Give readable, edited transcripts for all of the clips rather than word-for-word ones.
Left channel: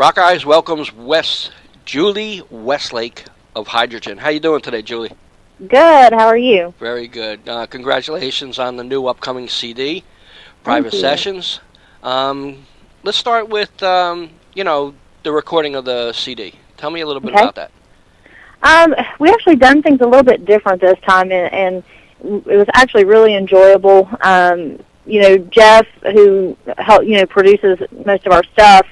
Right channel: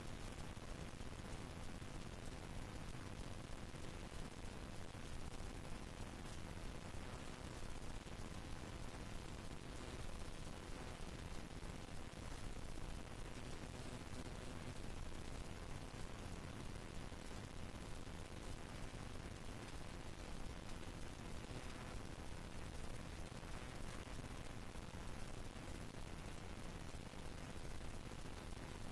Rockeyez welcomes Julie Westlake of Hydrogyn. How you doing today, Julie? Good. How are you? Very good. Congratulations on the new upcoming CD, Thank Private you. Sessions. Let's start with, the recording of the CD. Tell me a little bit Okay. about that. We actually done things a little bit different this time, and it was actually really enjoyable. Jeff, who produces most of our stuff,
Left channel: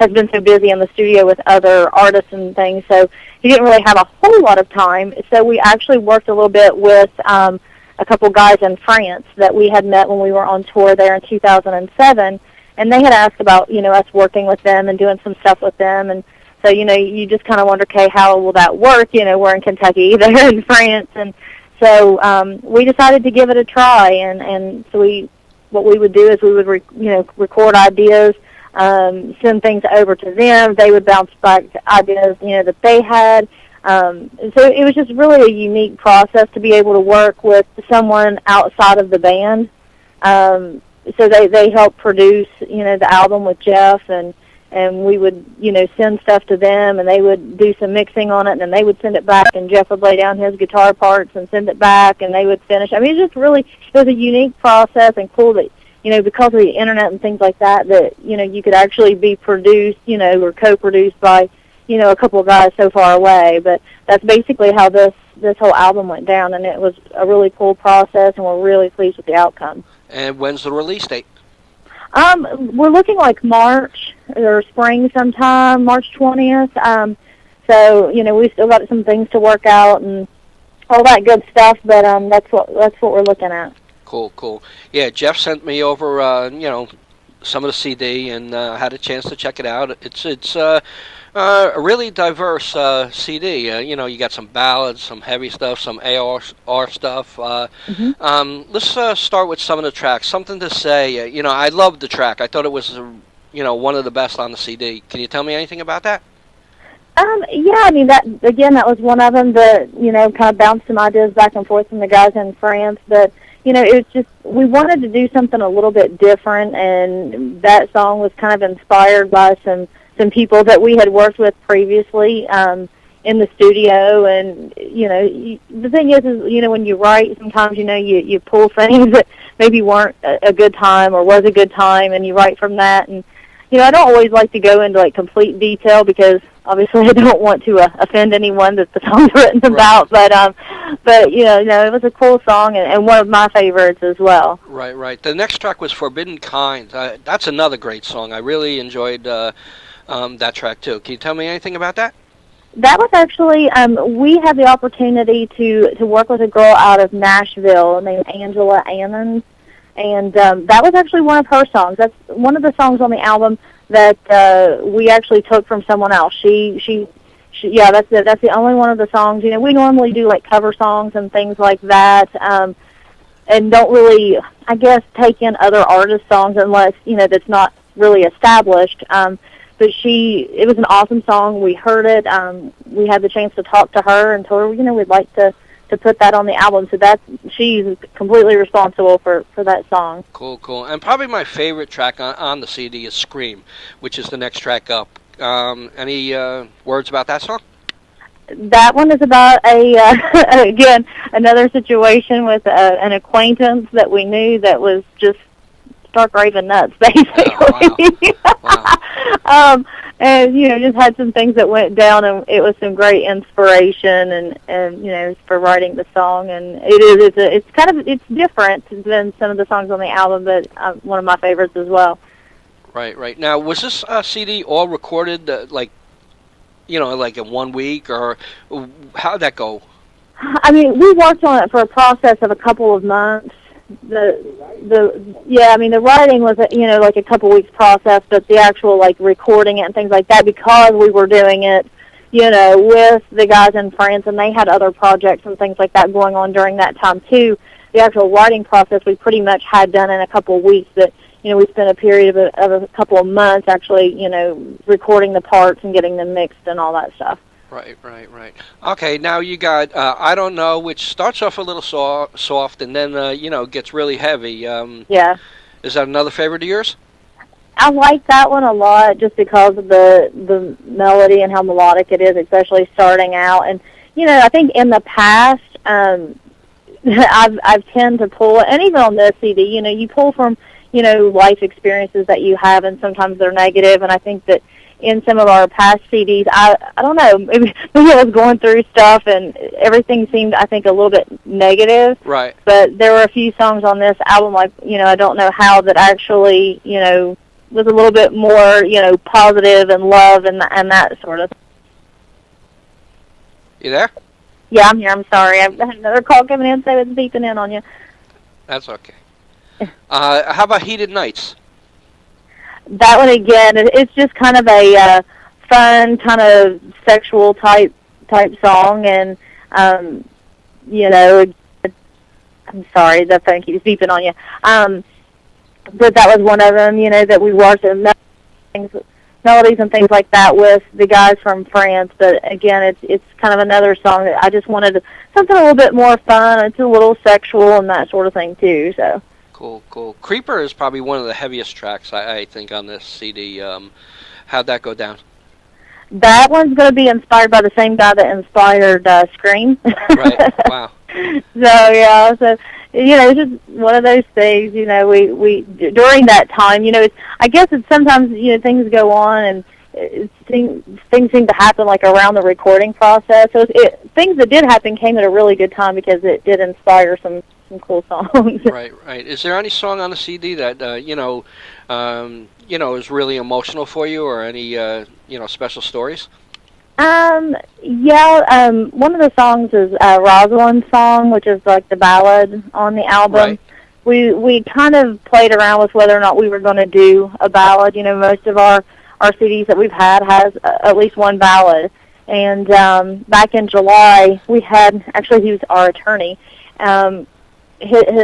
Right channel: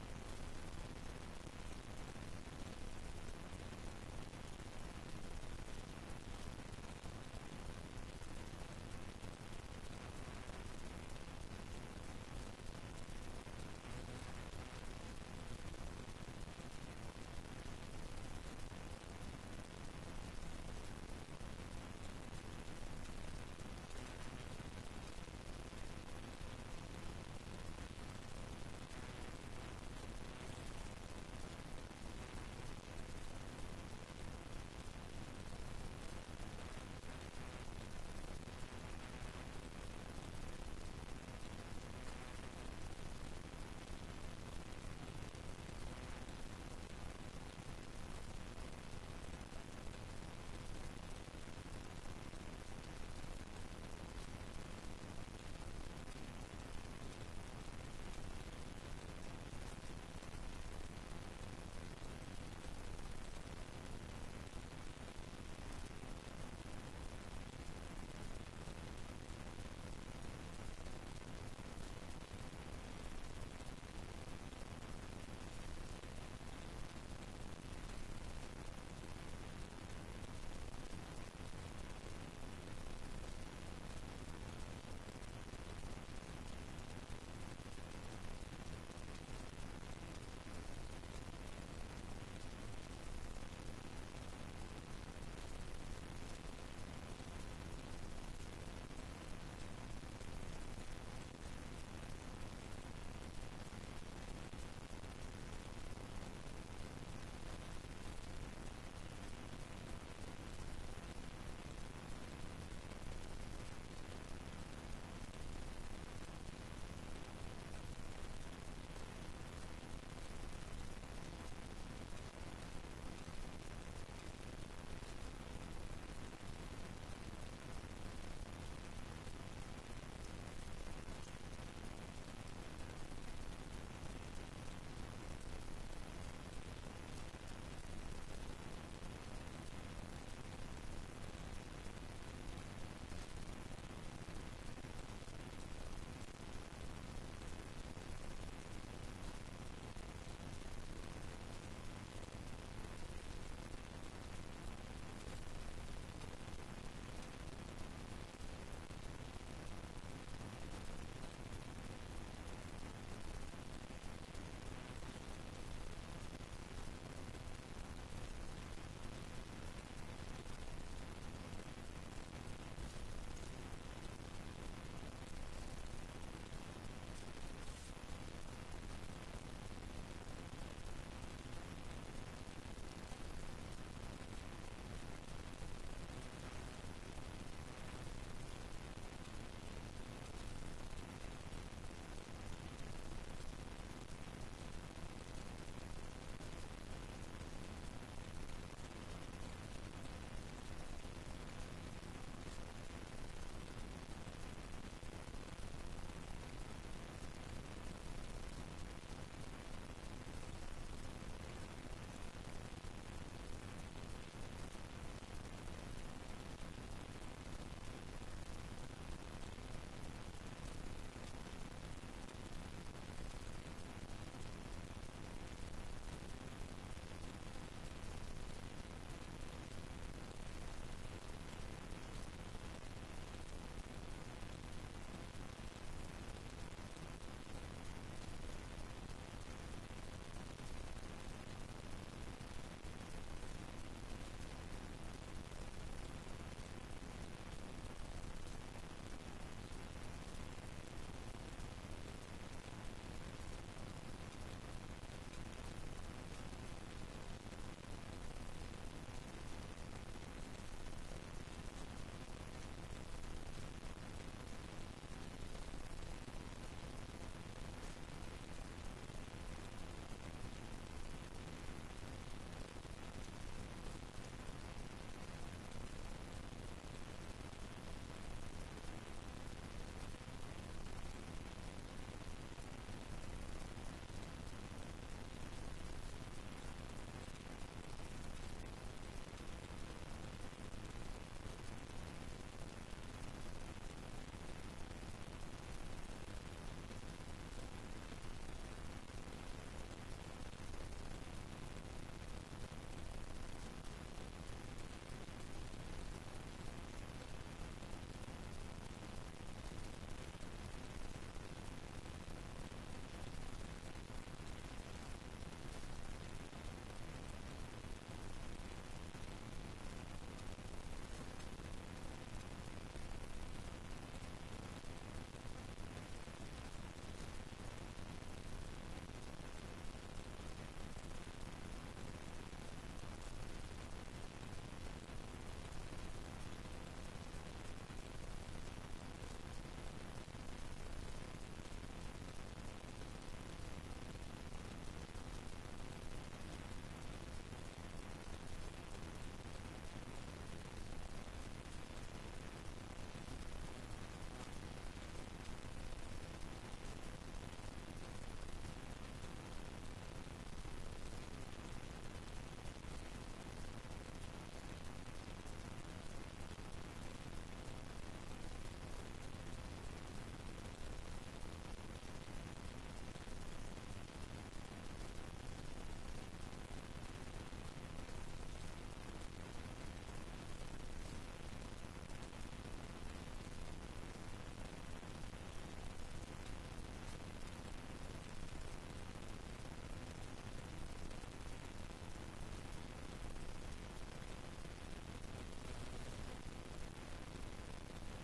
has been so busy in the studio with other artists and things, so he didn't really have a whole lot of time. So we actually worked a little bit with a couple guys in France that we had met when we were on tour there in 2007, and they had asked about us working with them and doing some stuff with them, and so you just kind of wonder, okay, how will that work? We're in Kentucky, they're in France, and so we decided to give it a try, and so what we would do is we would record ideas, send things over to them. They would bounce back ideas that they had. So it was just really a unique process to be able to work with someone outside of the band. So they helped produce the album with Jeff, and we would send stuff to them, and they would do some mixing on it, and then they would send it back, and Jeff would lay down his guitar parts and send it back, and they would finish. I mean, it was a unique process, and cool that because of the internet and things like that you could actually be produced or co-produced by a couple of guys so far away. But that's basically how this whole album went down, and it was a really cool process, and we're really pleased with the outcome. And when's the release date? We're looking like March or spring sometime, March 20th. So we still got some things to work out and all that good stuff, but that's what we're looking at. Cool. Yeah, Jeff sent me over, some of the CD, and had a chance to check it out. It's a really diverse CD. You got some ballads, some heavy stuff, some AR stuff. Let's start with some of the tracks. Something to Say. I loved the track. I thought it was, one of the best on the CD. Can you tell me anything about that? Yeah, I mean, that was one of them that, kind of bounced some ideas back and forth from the guys in France, but it was just, we wanted to do something a little bit different, and that song was kind of inspired by some people that we had worked with previously in the studio. And the thing is when you write, sometimes you pull things that maybe weren't a good time or was a good time, and you write from that. And I don't always like to go into complete detail, because obviously I don't want to offend anyone that the song's written about. But it was a cool song, and one of my favorites as well. Right. The next track was Forbidden Kind. That's another great song. I really enjoyed that track too. Can you tell me anything about that? That was actually, we had the opportunity to work with a girl out of Nashville named Angela Ammons, and that was actually one of her songs. That's one of the songs on the album that we actually took from someone else. Yeah, that's the only one of the songs. We normally do cover songs and things like that, and don't really, I guess, take in other artists' songs unless that's not really established. But it was an awesome song. We heard it. We had the chance to talk to her and told her, we'd like to put that on the album. So she's completely responsible for that song. Cool. And probably my favorite track on the CD is Scream, which is the next track up. Any words about that song? That one is about again, another situation with an acquaintance that we knew that was just stark raving nuts, basically. Wow. And just had some things that went down, and it was some great inspiration, and for writing the song. And it's different than some of the songs on the album, but one of my favorites as well. Right. Now, was this CD all recorded in 1 week, or how'd that go? I mean, we worked on it for a process of a couple of months. The writing was a couple weeks process, but the actual recording it and things like that, because we were doing it with the guys in France, and they had other projects and things like that going on during that time too. The actual writing process we pretty much had done in a couple of weeks, but we spent a period of a couple of months actually recording the parts and getting them mixed and all that stuff. Right. Okay, now you got I Don't Know, which starts off a little soft and then, gets really heavy. Yeah. Is that another favorite of yours? I like that one a lot just because of the melody and how melodic it is, especially starting out. And I think in the past, I've tend to pull, and even on this CD, you pull from life experiences that you have, and sometimes they're negative. And I think that in some of our past CDs, I don't know, maybe I was going through stuff and everything seemed, I think, a little bit negative. Right. But there were a few songs on this album, like, I don't know how, that actually, was a little bit more, positive and love and that sort of. You there? Yeah, I'm here. I'm sorry. I've had another call coming in, so it's beeping in on you. That's okay. How about Heated Nights? That one, again, it's just kind of a fun, kind of sexual type song, and, I'm sorry, the phone keeps beeping on you. But that was one of them, that we worked in melodies and things like that with the guys from France. But again, it's kind of another song that I just wanted something a little bit more fun. It's a little sexual and that sort of thing too. So cool. Creeper is probably one of the heaviest tracks I think on this CD. How'd that go down? That one's going to be inspired by the same guy that inspired Scream. Right. Wow. It's just one of those things, we during that time, I guess it's sometimes, things go on and things seem to happen like around the recording process. So things that did happen came at a really good time because it did inspire some cool songs. Right. Is there any song on the CD that, is really emotional for you, or any, special stories? One of the songs is Rosalind's song, which is like the ballad on the album. Right. We kind of played around with whether or not we were going to do a ballad. Most of our CDs that we've had has at least one ballad. And back in July, we had, actually he was our attorney.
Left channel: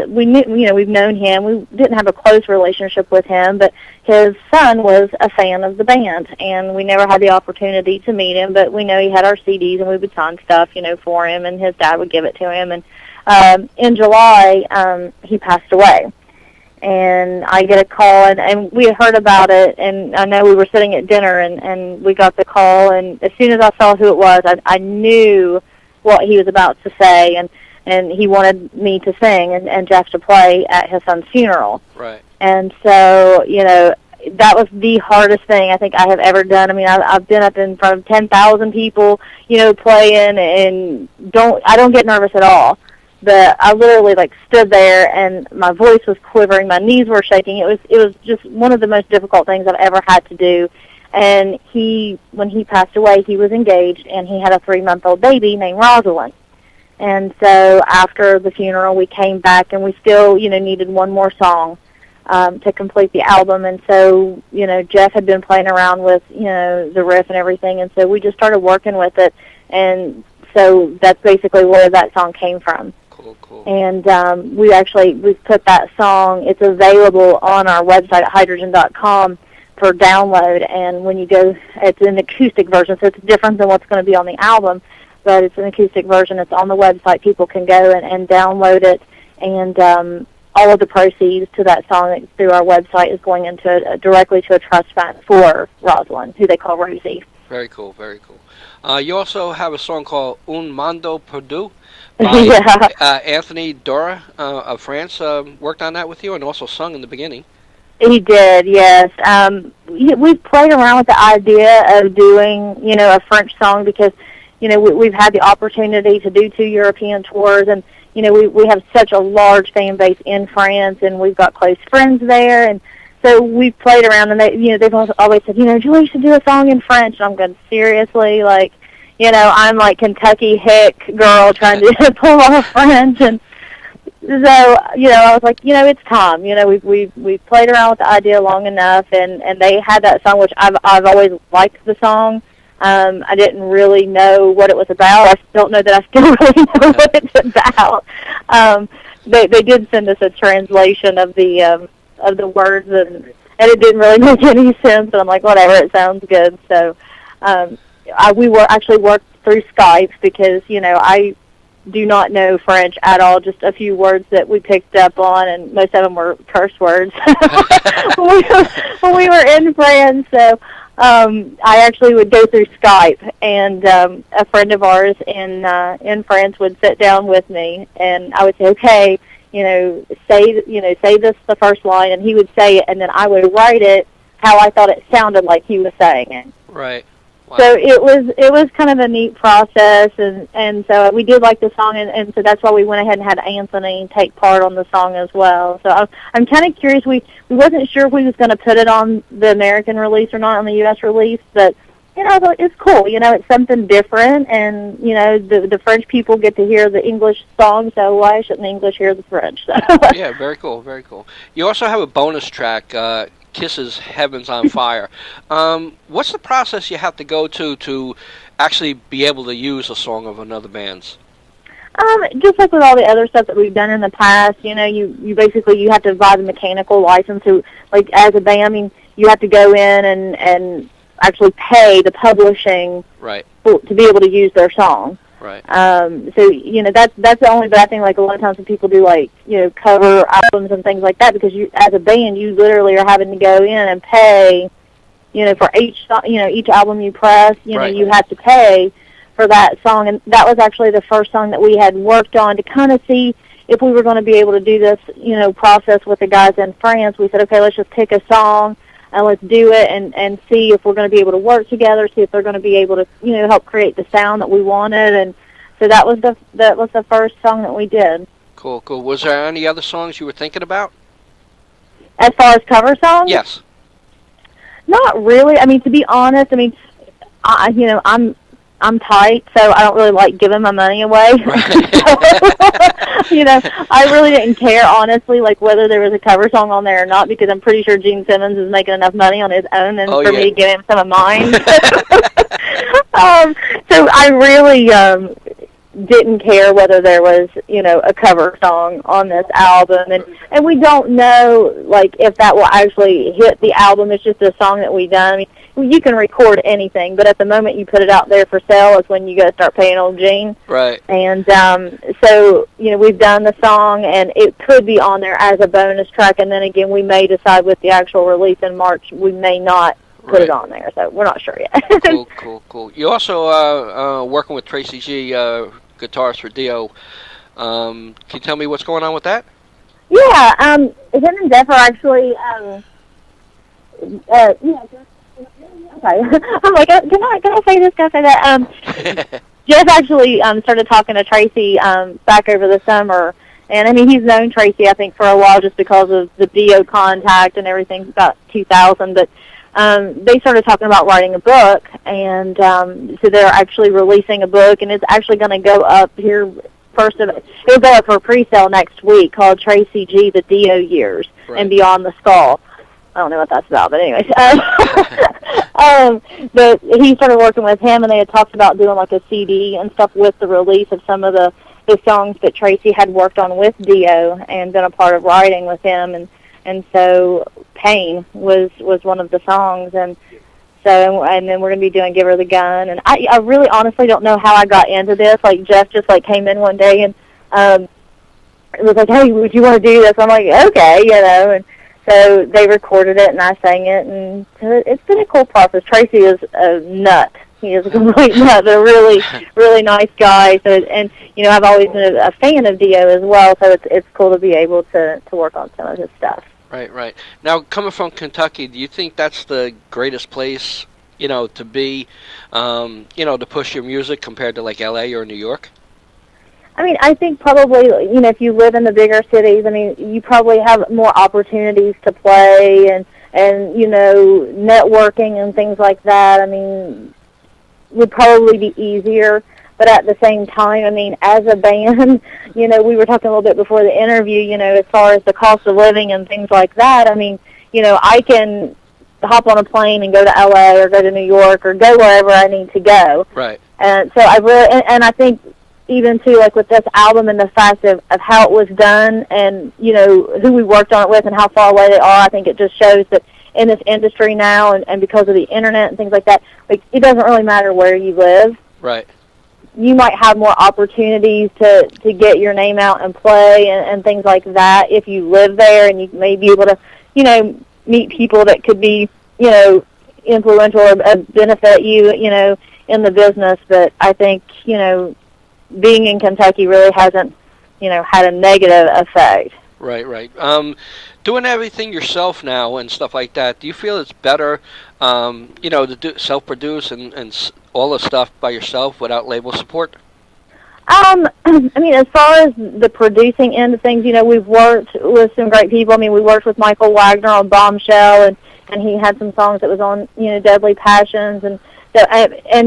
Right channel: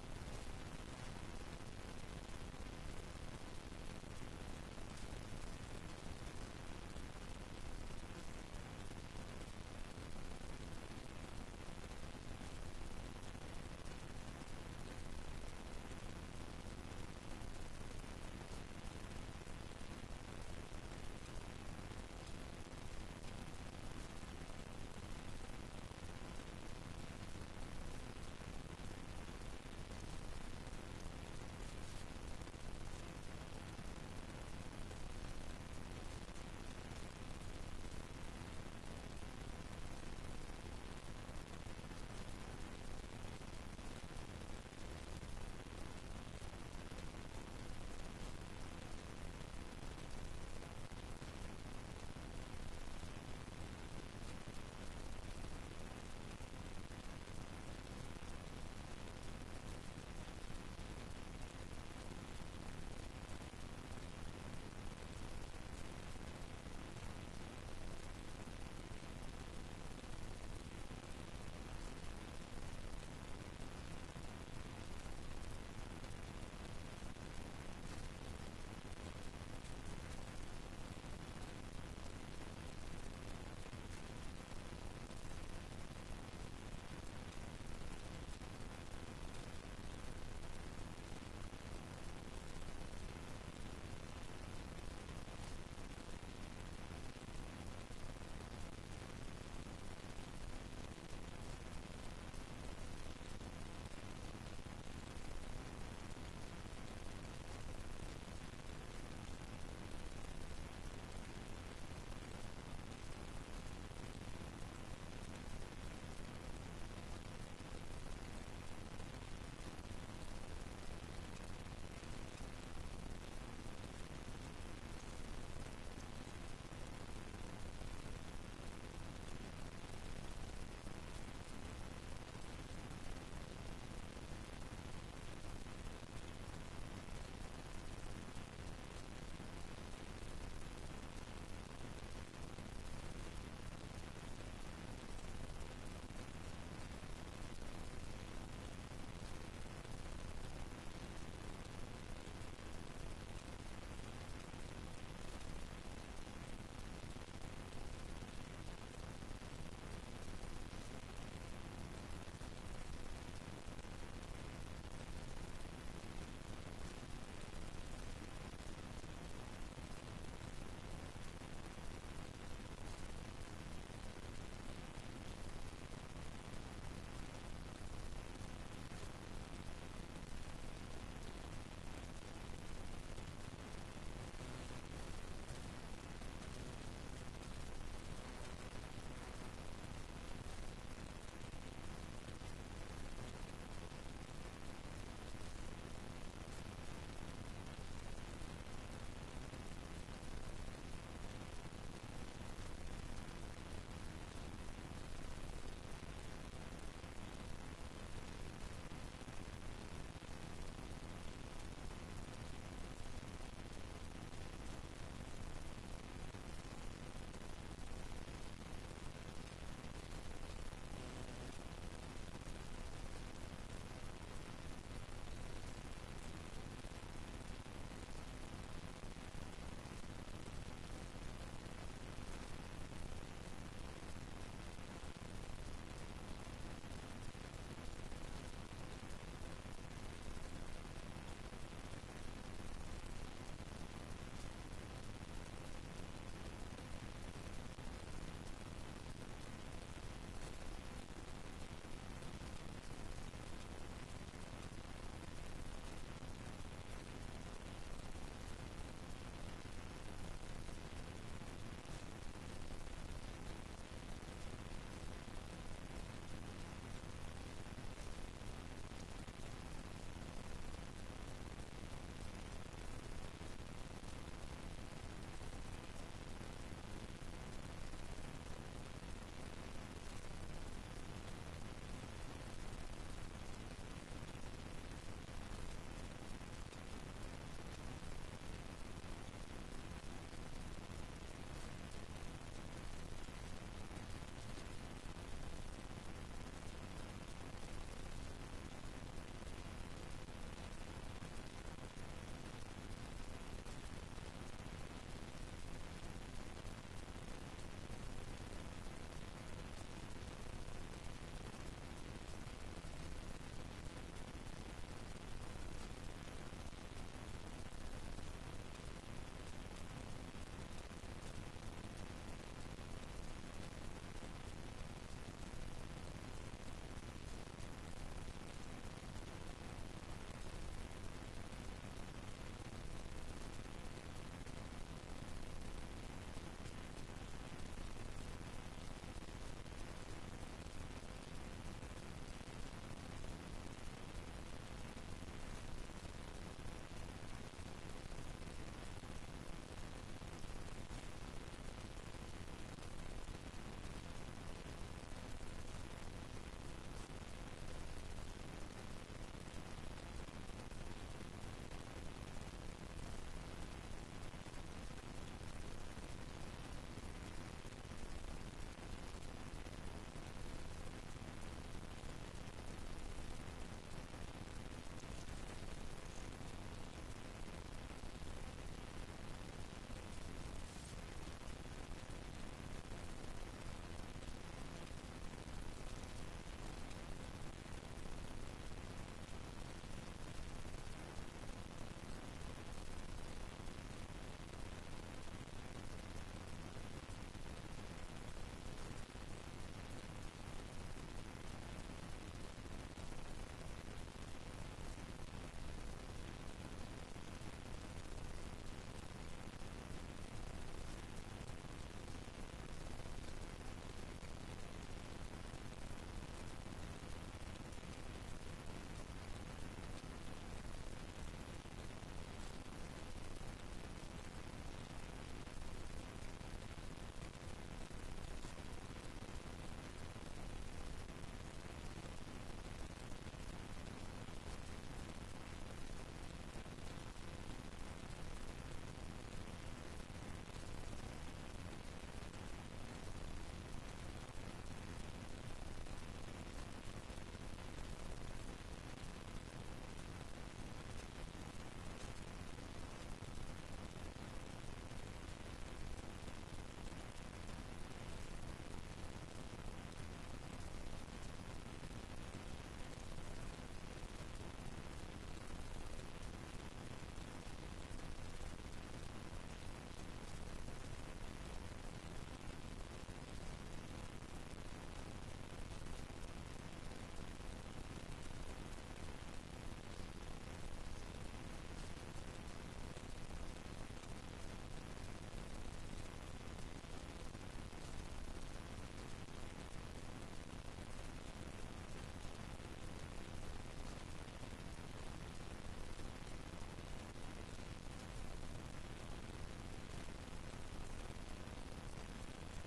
We knew, we've known him. We didn't have a close relationship with him, but his son was a fan of the band, and we never had the opportunity to meet him, but we know he had our CDs, and we would sign stuff, for him, and his dad would give it to him. And in July, he passed away. And I get a call, and we had heard about it, and I know we were sitting at dinner, and we got the call, and as soon as I saw who it was, I knew what he was about to say, and he wanted me to sing and Jeff to play at his son's funeral. Right. And so, that was the hardest thing I think I have ever done. I mean, I've been up in front of 10,000 people, playing, and I don't get nervous at all. But I literally stood there, and my voice was quivering, my knees were shaking. It was just one of the most difficult things I've ever had to do. And when he passed away, he was engaged, and he had a 3-month-old baby named Rosalind. And so after the funeral, we came back, and we still, needed one more song to complete the album. And so, Jeff had been playing around with, the riff and everything, and so we just started working with it. And so that's basically where that song came from. Cool. And we've put that song, it's available on our website at hydrogyn.com for download. And when you go, it's an acoustic version, so it's different than what's going to be on the album. But it's an acoustic version. It's on the website. People can go and download it, and all of the proceeds to that song through our website is going into directly to a trust fund for Rosalind, who they call Rosie. Very cool. You also have a song called Un Mondo Perdu by Anthony Dora of France. Worked on that with you and also sung in the beginning. He did, yes. We've played around with the idea of doing, a French song because we've had the opportunity to do 2 European tours, and, we have such a large fan base in France, and we've got close friends there, and so we've played around, and they've always said, Julie, you should do a song in French, and I'm going, seriously, I'm like Kentucky hick girl trying to pull off French, and so, I was like, it's time, we've played around with the idea long enough, and they had that song, which I've always liked the song. I didn't really know what it was about. I don't know that I still really know what it's about. They did send us a translation of the words, and it didn't really make any sense. But I'm like, whatever, it sounds good. So we were actually worked through Skype because I do not know French at all, just a few words that we picked up on, and most of them were curse words when we were in France. So I actually would go through Skype, and a friend of ours in France would sit down with me, and I would say, okay, say this the first line, and he would say it, and then I would write it how I thought it sounded like he was saying it. Right. Wow. So it was kind of a neat process, and so we did like the song, and so that's why we went ahead and had Anthony take part on the song as well. So I'm kind of curious. We wasn't sure if we was going to put it on the American release or not on the U.S. release, but I thought it's cool. It's something different, and the French people get to hear the English song, so why shouldn't the English hear the French? So. Yeah, very cool, very cool. You also have a bonus track. Kisses Heavens on Fire. What's the process you have to go to actually be able to use a song of another band's? Just like with all the other stuff that we've done in the past, you basically you have to buy the mechanical license. So, like as a band, you have to go in and actually pay the publishing right to be able to use their song. Right. So that's the only bad thing. Like a lot of times when people do cover albums and things like that, because you as a band you literally are having to go in and pay, for each album you press. Right. You have to pay for that song, and that was actually the first song that we had worked on to kind of see if we were going to be able to do this process with the guys in France. We said, okay, let's just pick a song and let's do it and see if we're going to be able to work together, see if they're going to be able to, help create the sound that we wanted. And so that was the first song that we did. Cool, cool. Was there any other songs you were thinking about? As far as cover songs? Yes. Not really. To be honest, I'm tight, so I don't really like giving my money away. Right. I really didn't care, honestly, whether there was a cover song on there or not, because I'm pretty sure Gene Simmons is making enough money on his own and for me to give him some of mine. So I really didn't care whether there was, a cover song on this album. And we don't know, if that will actually hit the album. It's just a song that we've done. You can record anything, but at the moment you put it out there for sale is when you got to start paying old Gene. Right. And so, we've done the song, and it could be on there as a bonus track, and then again we may decide with the actual release in March we may not put it on there, so we're not sure yet. Cool. You also working with Tracy G, guitarist for Dio. Can you tell me what's going on with that? Yeah, him and Jeff are actually, okay. I'm like, can I say this? Can I say that? Jeff actually started talking to Tracy back over the summer, and he's known Tracy I think for a while just because of the Dio contact and everything about 2000. But they started talking about writing a book, and so they're actually releasing a book, and it's actually going to go up here it'll go up for pre-sale next week, called Tracy G: The Dio Years and Beyond the Skull. I don't know what that's about, but anyways. But he started working with him, and they had talked about doing a CD and stuff with the release of some of the songs that Tracy had worked on with Dio and been a part of writing with him, and so Pain was one of the songs, and then we're going to be doing Give Her the Gun, and I really honestly don't know how I got into this. Jeff just came in one day and it was like, hey, would you want to do this? I'm like, okay, and so they recorded it, and I sang it, and it's been a cool process. Tracy is a nut. He is a complete nut, but a really, really nice guy. So, and I've always been a fan of Dio as well. So it's cool to be able to work on some of his stuff. Right. Now, coming from Kentucky, do you think that's the greatest place, to be, to push your music compared to L.A. or New York? I think probably, if you live in the bigger cities, you probably have more opportunities to play and networking and things like that, would probably be easier. But at the same time, as a band, we were talking a little bit before the interview, as far as the cost of living and things like that, I can hop on a plane and go to L.A. or go to New York or go wherever I need to go. Right. And so I really, and I think even too, with this album and the fact of how it was done and, who we worked on it with and how far away they are, I think it just shows that in this industry now and because of the internet and things like that, it doesn't really matter where you live. Right. you might have more opportunities to get your name out and play and things like that if you live there, and you may be able to, you know, meet people that could be, you know, influential or benefit you, you know, in the business. But I think, you know, being in Kentucky really hasn't, you know, had a negative effect. Right, right. Doing everything yourself now and stuff like that, do you feel it's better, you know, to self-produce and all the stuff by yourself without label support? I mean, as far as the producing end of things, you know, we've worked with some great people. I mean, we worked with Michael Wagner on Bombshell, and he had some songs that was on, you know, Deadly Passions and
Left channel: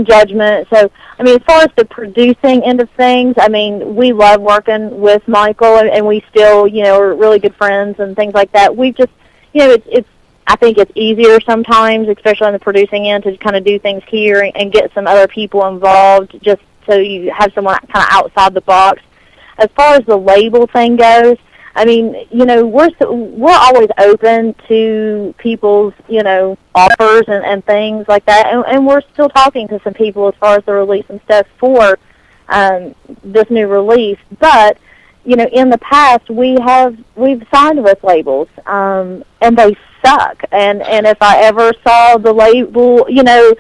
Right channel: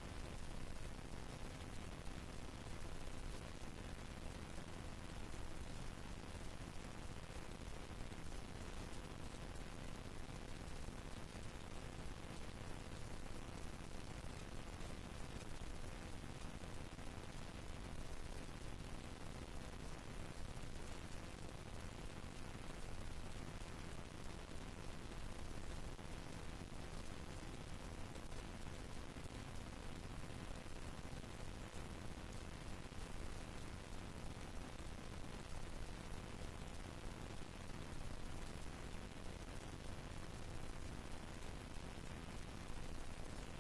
Judgment. So, I mean, as far as the producing end of things, I mean, we love working with Michael, and we still, you know, are really good friends and things like that. We just, you know, it's I think it's easier sometimes, especially on the producing end, to kind of do things here and get some other people involved, just so you have someone kind of outside the box. As far as the label thing goes, I mean, you know, we're always open to people's, you know, offers and things like that, and we're still talking to some people as far as the release and stuff for this new release. But, you know, in the past we've signed with labels, and they suck. And if I ever saw the label, you know,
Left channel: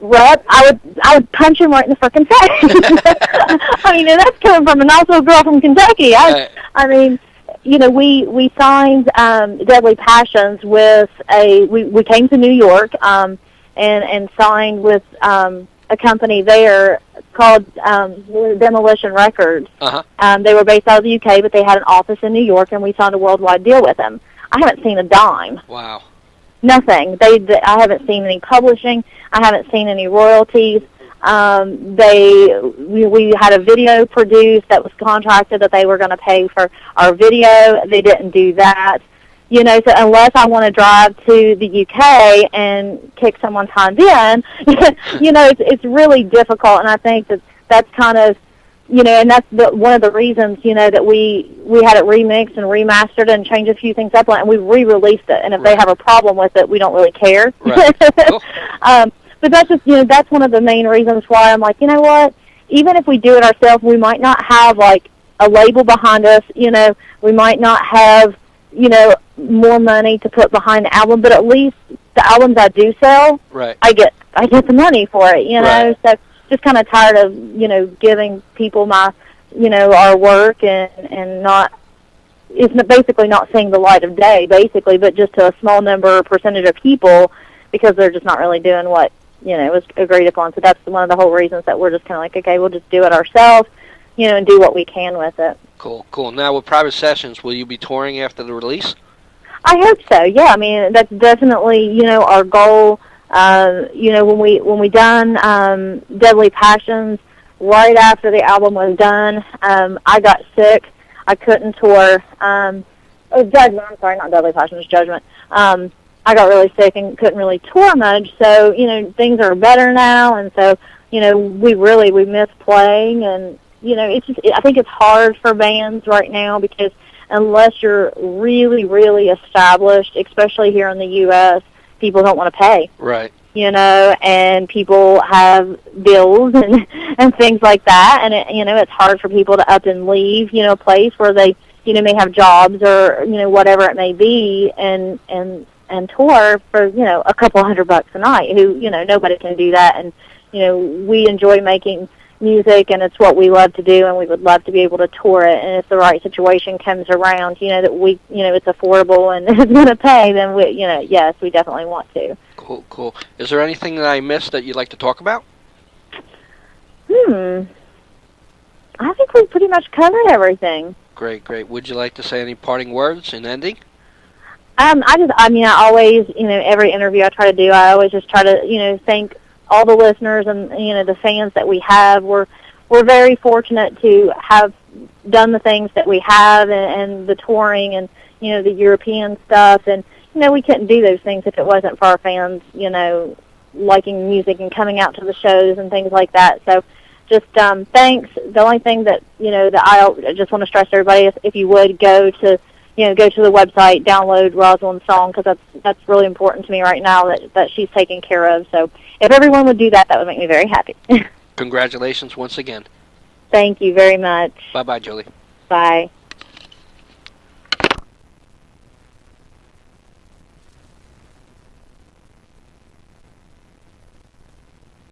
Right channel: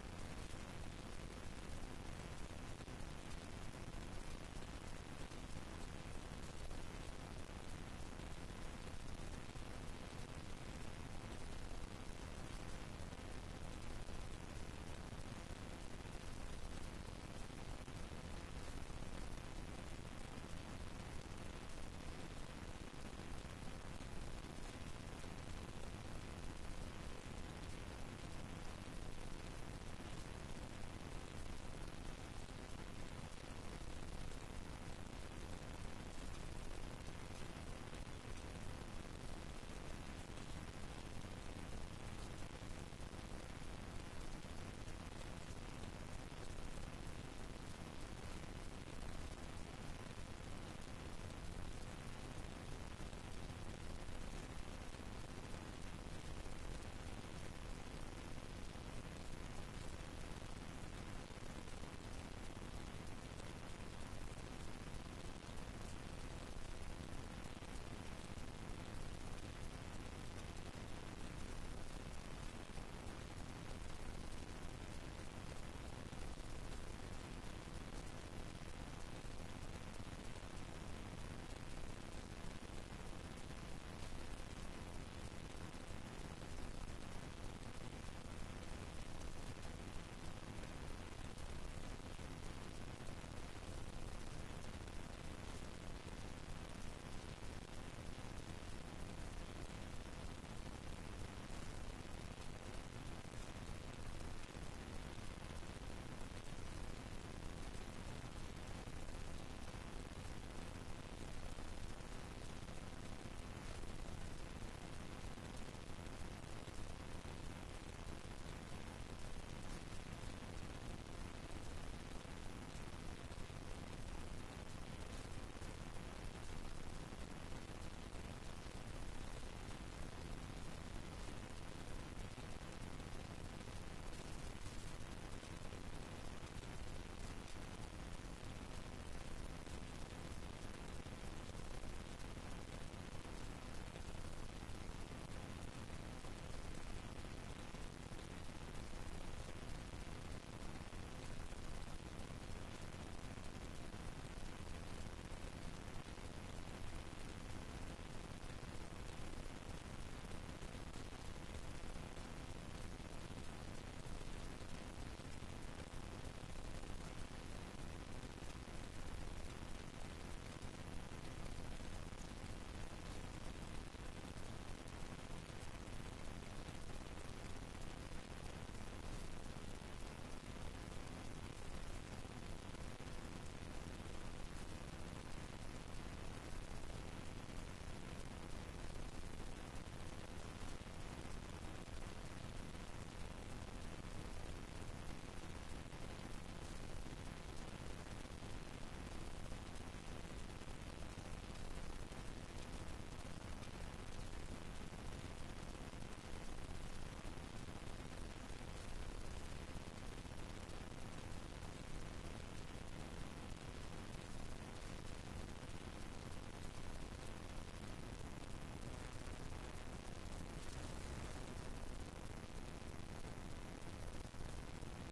rep, I would punch him right in the frickin' face. I mean, and that's coming from a nice little girl from Kentucky. I mean, you know, we signed Deadly Passions with we came to New York and signed with a company there called Demolition Records. Uh-huh. They were based out of the UK, but they had an office in New York, and we signed a worldwide deal with them. I haven't seen a dime. Wow. Nothing. I haven't seen any publishing. I haven't seen any royalties. We had a video produced that was contracted that they were going to pay for our video. They didn't do that. You know, so unless I want to drive to the UK and kick someone's hind end, you know, it's really difficult. And I think that's kind of, you know, and that's one of the reasons, you know, that we had it remixed and remastered and changed a few things up on it, and we re-released it. And if they have a problem with it, we don't really care. Right. Cool. But that's just, you know, that's one of the main reasons why I'm like, you know what, even if we do it ourselves, we might not have, like, a label behind us, you know, we might not have, you know, more money to put behind the album, but at least the albums I do sell, right, I get the money for it, you know. Right. So just kind of tired of, you know, giving people my, you know, our work and not, it's basically not seeing the light of day, basically, but just to a small percentage of people, because they're just not really doing what, you know, was agreed upon. So that's one of the whole reasons that we're just kind of like, okay, we'll just do it ourselves, you know, and do what we can with it. Cool, cool. Now, with Private Sessions, will you be touring after the release? I hope so. Yeah, I mean, that's definitely, you know, our goal. You know, when we done Deadly Passions, right after the album was done, I got sick. I couldn't tour. Judgment. I'm sorry, not Deadly Passions, Judgment. I got really sick and couldn't really tour much. So, you know, things are better now, and so, you know, we miss playing, and you know, it's just, I think it's hard for bands right now because unless you're really, really established, especially here in the U.S., people don't want to pay. Right. You know, and people have bills and things like that, and you know, it's hard for people to up and leave, you know, a place where they, you know, may have jobs or, you know, whatever it may be, and tour for, you know, a couple $100 a night. Who, you know, nobody can do that, and you know, we enjoy making music, and it's what we love to do, and we would love to be able to tour it. And if the right situation comes around, you know, that we, you know, it's affordable and it's going to pay, then we, you know, yes, we definitely want to. Cool, cool. Is there anything that I missed that you'd like to talk about? I think we pretty much covered everything. Great, great. Would you like to say any parting words in ending? I always, you know, every interview I try to do, I always just try to, you know, thank all the listeners and, you know, the fans that we have. We're very fortunate to have done the things that we have, and the touring and, you know, the European stuff. And, you know, we couldn't do those things if it wasn't for our fans, you know, liking music and coming out to the shows and things like that. So just thanks. The only thing that, you know, that I just want to stress to everybody is if you would go to the website, download Rosalind's song, because that's really important to me right now that she's taken care of. So if everyone would do that, that would make me very happy. congratulations once again. Thank you very much. Bye-bye, Julie. Bye.